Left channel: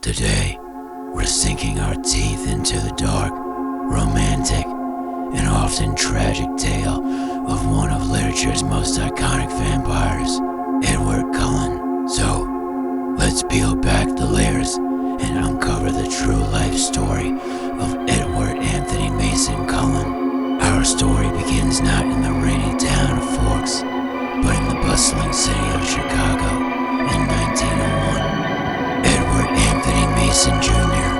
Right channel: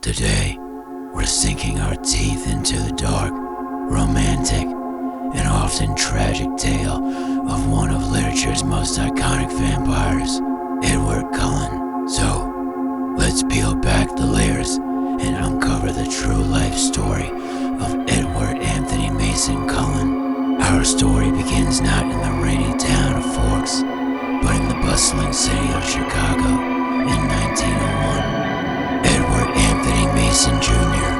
Today, we're sinking our teeth into the dark, romantic, and often tragic tale of one of literature's most iconic vampires, Edward Cullen. So, let's peel back the layers and uncover the true life story of Edward Anthony Mason Cullen. Our story begins not in the rainy town of Forks, but in the bustling city of Chicago in 1901. Edward Anthony Mason Jr.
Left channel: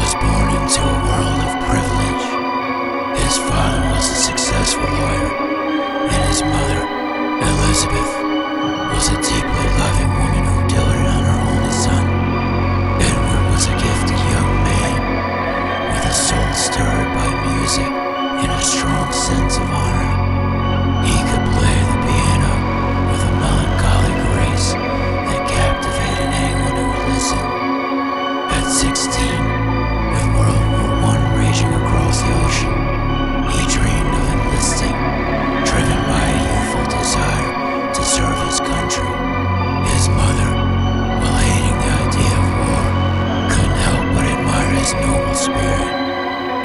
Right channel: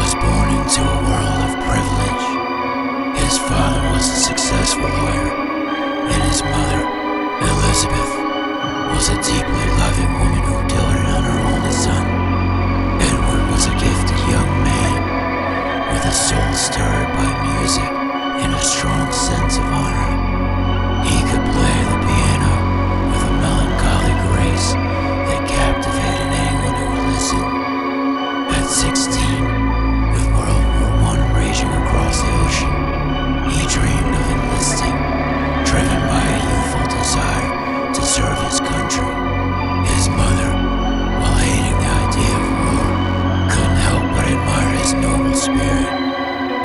was born into a world of privilege. His father was a successful lawyer, and his mother, Elizabeth, was a deeply loving woman who doted on her only son. Edward was a gifted young man with a soul stirred by music and a strong sense of honor. He could play the piano with a melancholy grace that captivated anyone who would listen. At 16, with World War I raging across the ocean, he dreamed of enlisting, driven by a youthful desire to serve his country. His mother, while hating the idea of war, couldn't help but admire his noble spirit.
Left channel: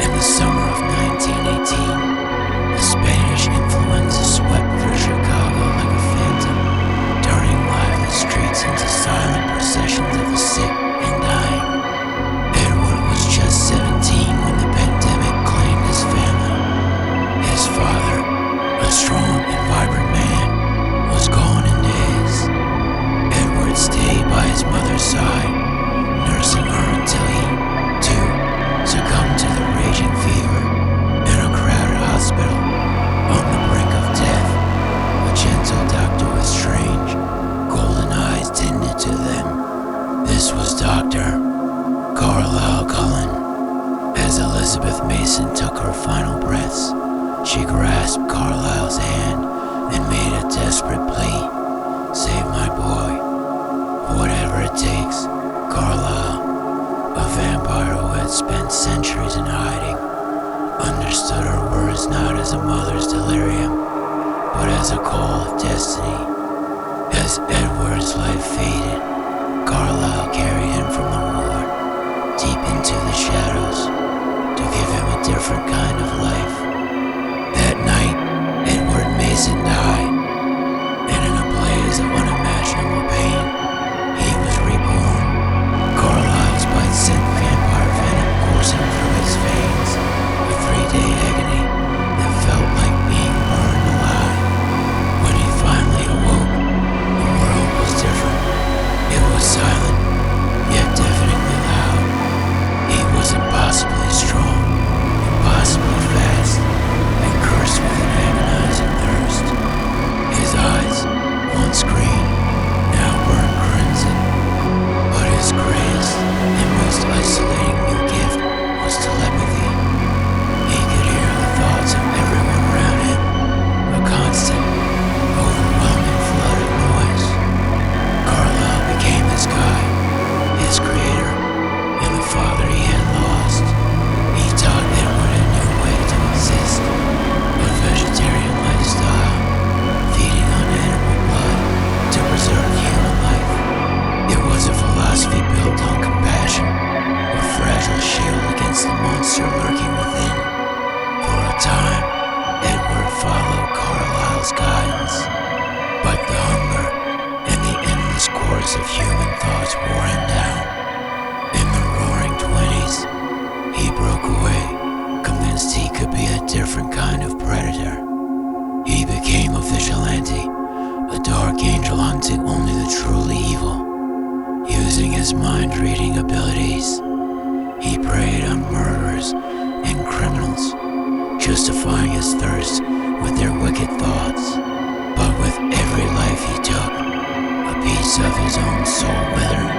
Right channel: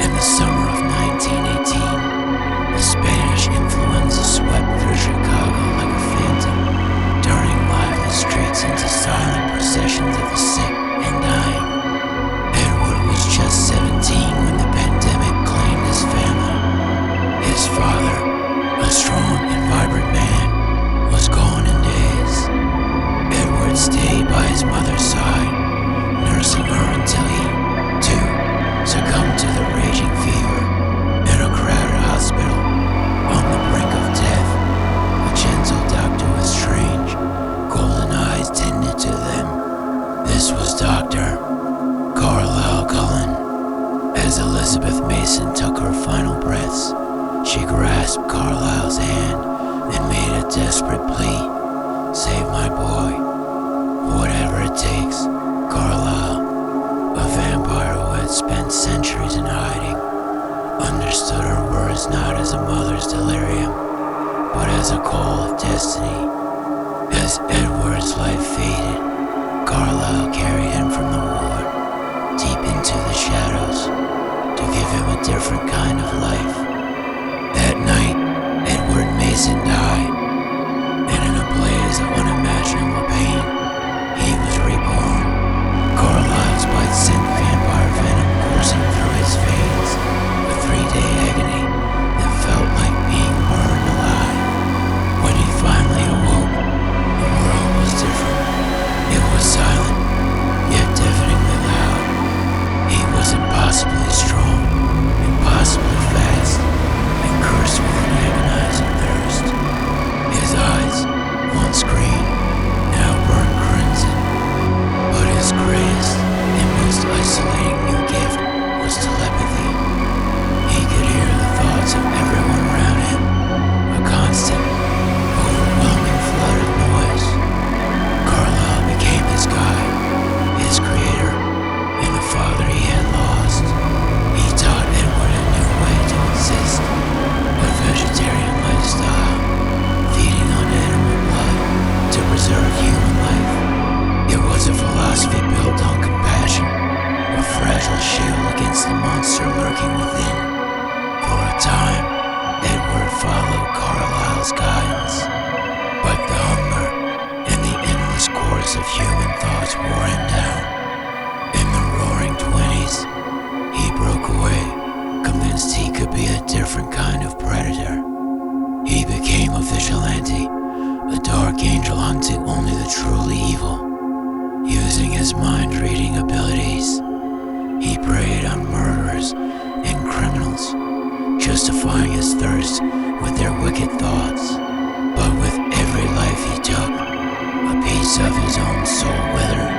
In the summer of 1918, the Spanish influenza swept through Chicago like a phantom, turning lively streets into silent processions of the sick and dying. Edward was just 17 when the pandemic claimed his family. His father, a strong and vibrant man, was gone in days. Edward stayed by his mother's side, nursing her until he, too, succumbed to the raging fever. In a crowded hospital, on the brink of death, a gentle doctor with strange, golden eyes tended to them. This was Dr. Carlisle Cullen. As Elizabeth Mason took her final breaths, she grasped Carlisle's hand and made a desperate plea. "Save my boy. Whatever it takes." Carlisle, a vampire who had spent centuries in hiding, understood her words not as a mother's delirium, but as a call of destiny. As Edward's life faded, Carlisle carried him from the ward, deep into the shadows, to give him a different kind of life. That night, Edward Mason died, and in a blaze of unimaginable pain, he was reborn. Carlisle's bite sent vampire venom coursing through his veins, a 3-day agony that felt like being burned alive. When he finally awoke, the world was different. It was silent, yet deafeningly loud. He was impossibly strong, impossibly fast, and cursed with an agonizing thirst. His eyes, once green, now burned crimson. But his greatest and most isolating new gift was telepathy. He could hear the thoughts of everyone around him, a constant, overwhelming flood of noise. Carlisle became his guide, his creator, and the father he had lost. He taught Edward a new way to exist, a vegetarian lifestyle, feeding on animal blood to preserve human life. It was a philosophy built on compassion, a fragile shield against the monster lurking within. For a time, Edward followed Carlisle's guidance, but the hunger and the endless course of human thoughts wore him down. In the roaring 20s, he broke away, convinced he could be a different kind of predator. He became a vigilante, a dark angel hunting only the truly evil. Using his mind-reading abilities, he preyed on murderers and criminals, justifying his thirst with their wicked thoughts. But with every life he took, a piece of his own soul withered.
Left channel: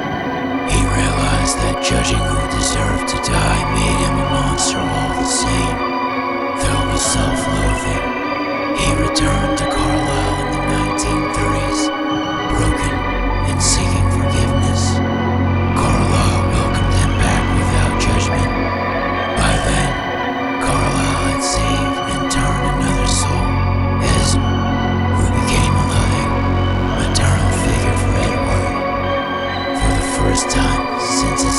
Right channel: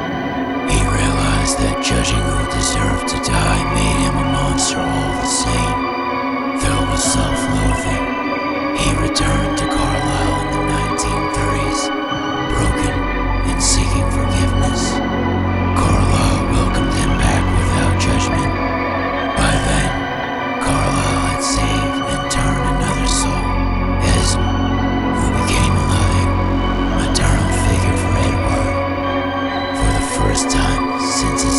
He realized that judging who deserved to die made him a monster all the same. Filled with self-loathing, he returned to Carlisle in the 1930s, broken and seeking forgiveness. Carlisle welcomed him back without judgment. By then, Carlisle had saved and turned another soul, Esme, who became a loving, maternal figure for Edward. For the first time since his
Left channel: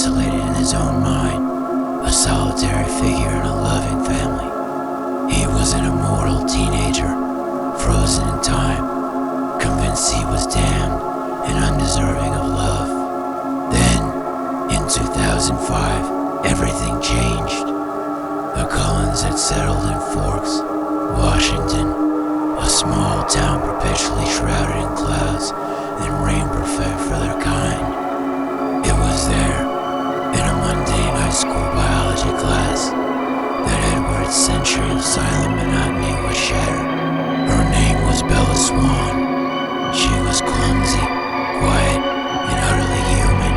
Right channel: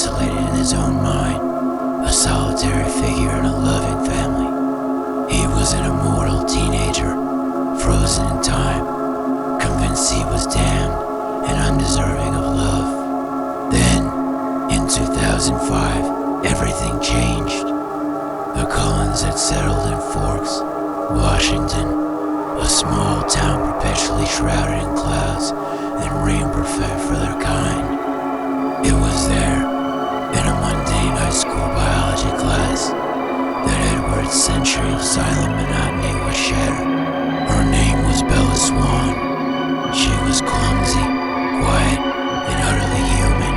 isolated in his own mind, a solitary figure in a loving family. He was an immortal teenager, frozen in time, convinced he was damned and undeserving of love. Then, in 2005, everything changed. The Cullens had settled in Forks, Washington, a small town perpetually shrouded in clouds and rain perfect for their kind. It was there, in a mundane high school biology class, that Edward's century of silent monotony was shattered. Her name was Bella Swan. She was clumsy, quiet, and utterly human.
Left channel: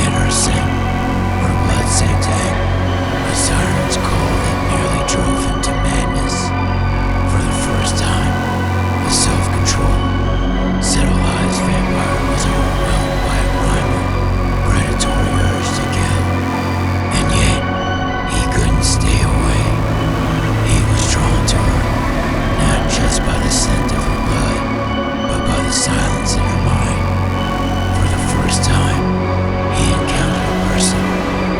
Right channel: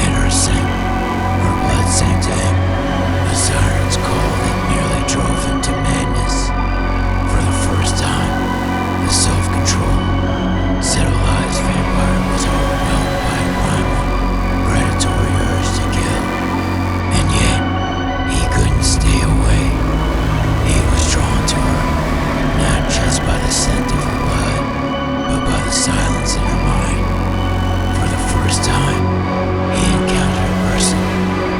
And her scent, her blood sank to him, a siren's call that nearly drove him to madness. For the first time, the self-control, civilized vampire was overwhelmed by a primal, predatory urge to kill. And yet, he couldn't stay away. He was drawn to her, not just by the scent of her blood, but by the silence in her mind. For the first time, he encountered a person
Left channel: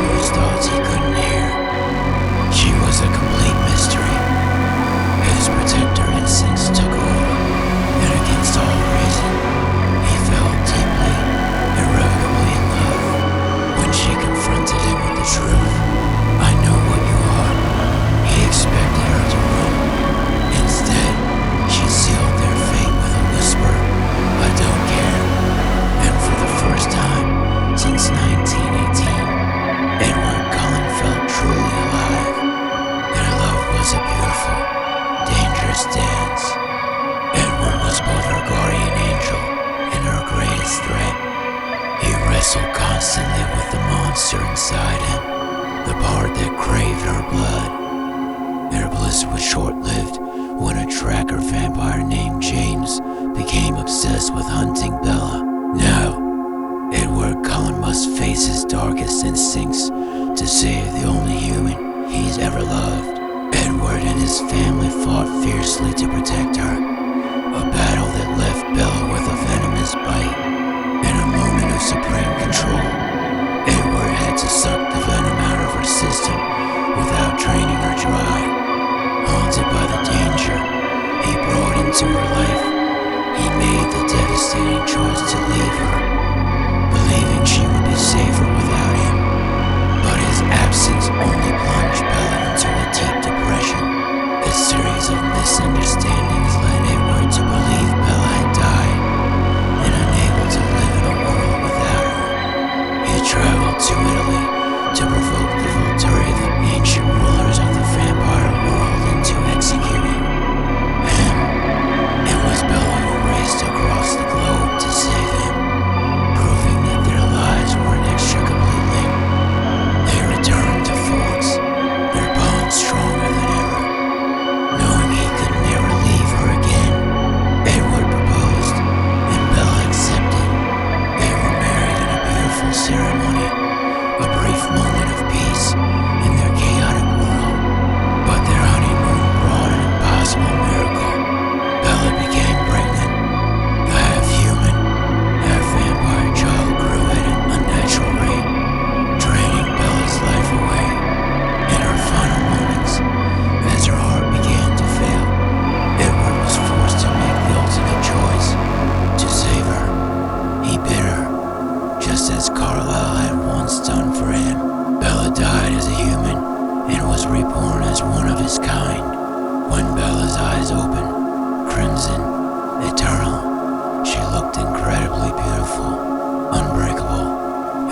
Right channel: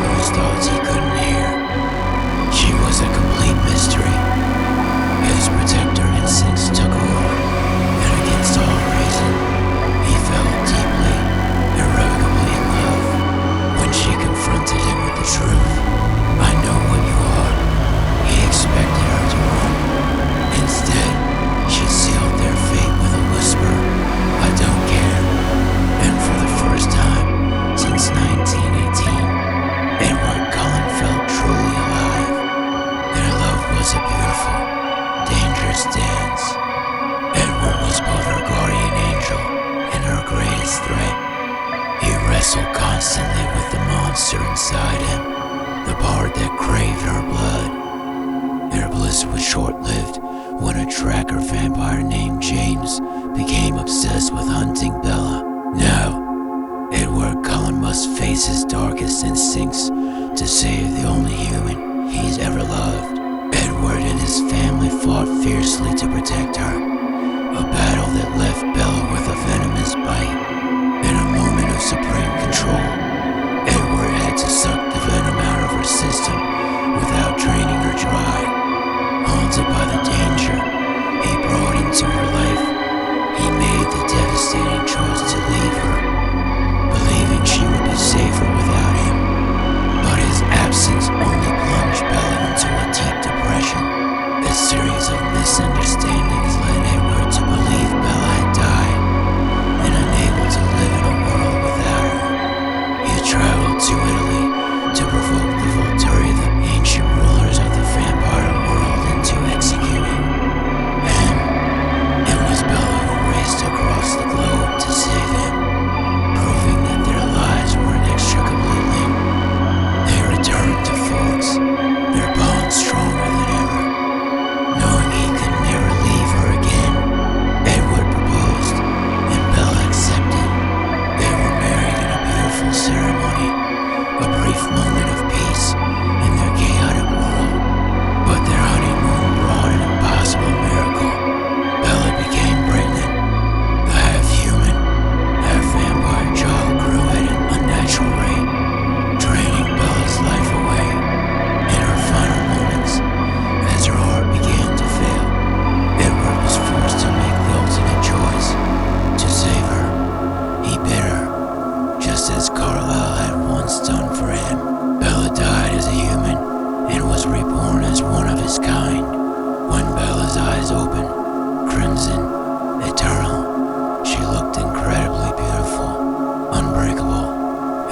whose thoughts he couldn't hear. She was a complete mystery. His protector instincts took over, and against all reason, he fell deeply, irrevocably in love. When she confronted him with the truth, "I know what you are," he expected her to run. Instead, she sealed their fate with a whisper, "I don't care." And for the first time since 1918, Edward Cullen felt truly alive. Their love was a beautiful, dangerous dance. Edward was both her guardian angel and her greatest threat. He wrestled constantly with the monster inside him, the part that craved her blood. Their bliss was short-lived when a tracker vampire named James became obsessed with hunting Bella. Now, Edward Cullen must face his darkest instincts to save the only human he's ever loved. Edward and his family fought fiercely to protect her, a battle that left Bella with a venomous bite. In a moment of supreme control, Edward had to suck the venom out of her system without draining her dry. Haunted by the danger he brought into her life, he made the devastating choice to leave her, believing she would be safer without him. But his absence only plunged Bella into a deep depression. A series of misunderstandings led Edward to believe Bella had died, and unable to live in a world without her. He traveled to Italy to provoke the Volturi, the ancient rulers of the vampire world, into executing him. It was Bella who raced across the globe to save him, proving that their lives were inextricably linked. They returned to Forks, their bond stronger than ever. Knowing he could never leave her again, Edward proposed, and Bella accepted. They were married in a beautiful ceremony, a brief moment of peace in their chaotic world. But their honeymoon brought an impossible miracle. Bella became pregnant. The half-human, half-vampire child grew at an unnatural rate, draining Bella's life away. In her final moments, as her heart began to fail, Edward was forced to make the ultimate choice to save her. He bid her, just as Carlyle had once done for him. Bella died as a human and was reborn as one of his kind. When Bella's eyes opened, crimson, eternal, she looked incredibly beautiful, unbreakable,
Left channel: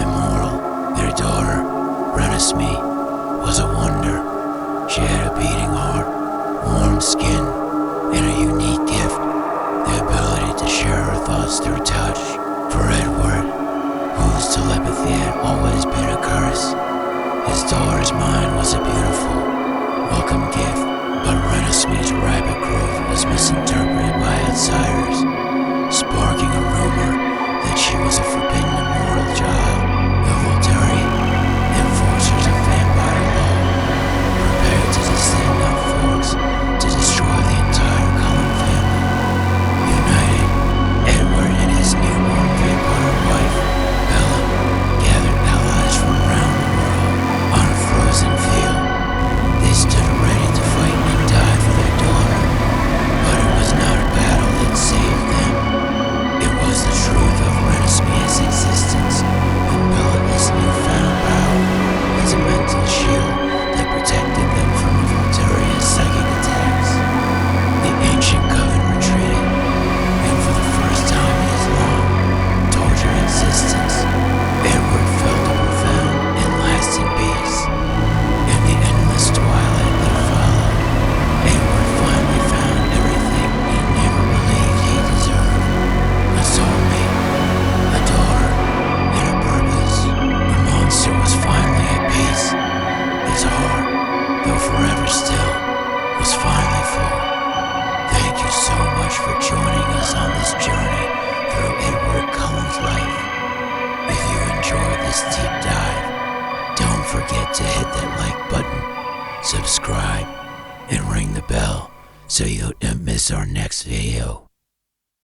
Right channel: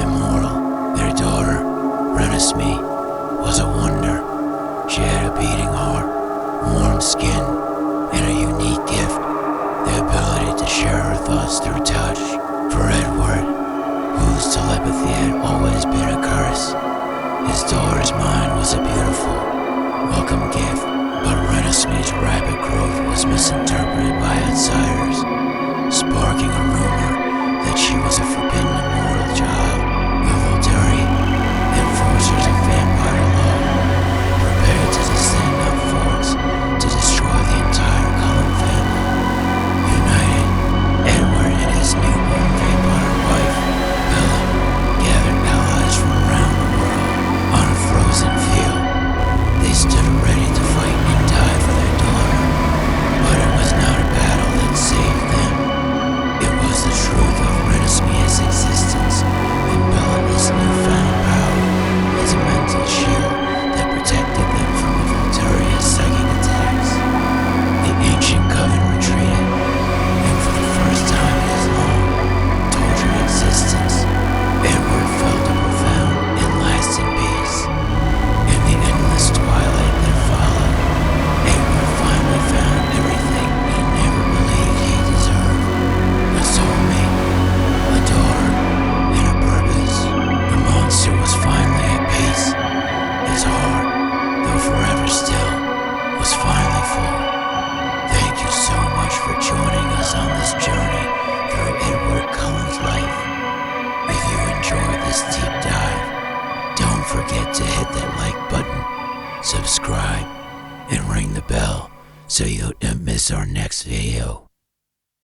immortal. Their daughter, Renesmee, was a wonder. She had a beating heart, warm skin, and a unique gift, the ability to share her thoughts through touch. For Edward, whose telepathy had always been a curse, his daughter's mind was a beautiful, welcome gift. But Renesmee's rapid growth was misinterpreted by outsiders, sparking a rumor that she was a forbidden immortal child. The Volturi, enforcers of vampire law, prepared to descend on Forks to destroy the entire Cullen family. United, Edward and his provides a mental shield that protected them from Volturia's psychic attacks. The ancient coven retreated, and for the first time in his long, tortured existence, Edward felt a profound and lasting peace. In the endless twilight that followed, Edward finally found everything he never believed he deserved. A soulmate, a daughter, and a purpose. The monster was finally at peace. His heart, though forever still, was finally full. Thank you so much for joining us on this journey through Edward Cullen's life. If you enjoyed this deep dive, don't forget to hit that like button, subscribe, and ring the bell so you don't miss our next video.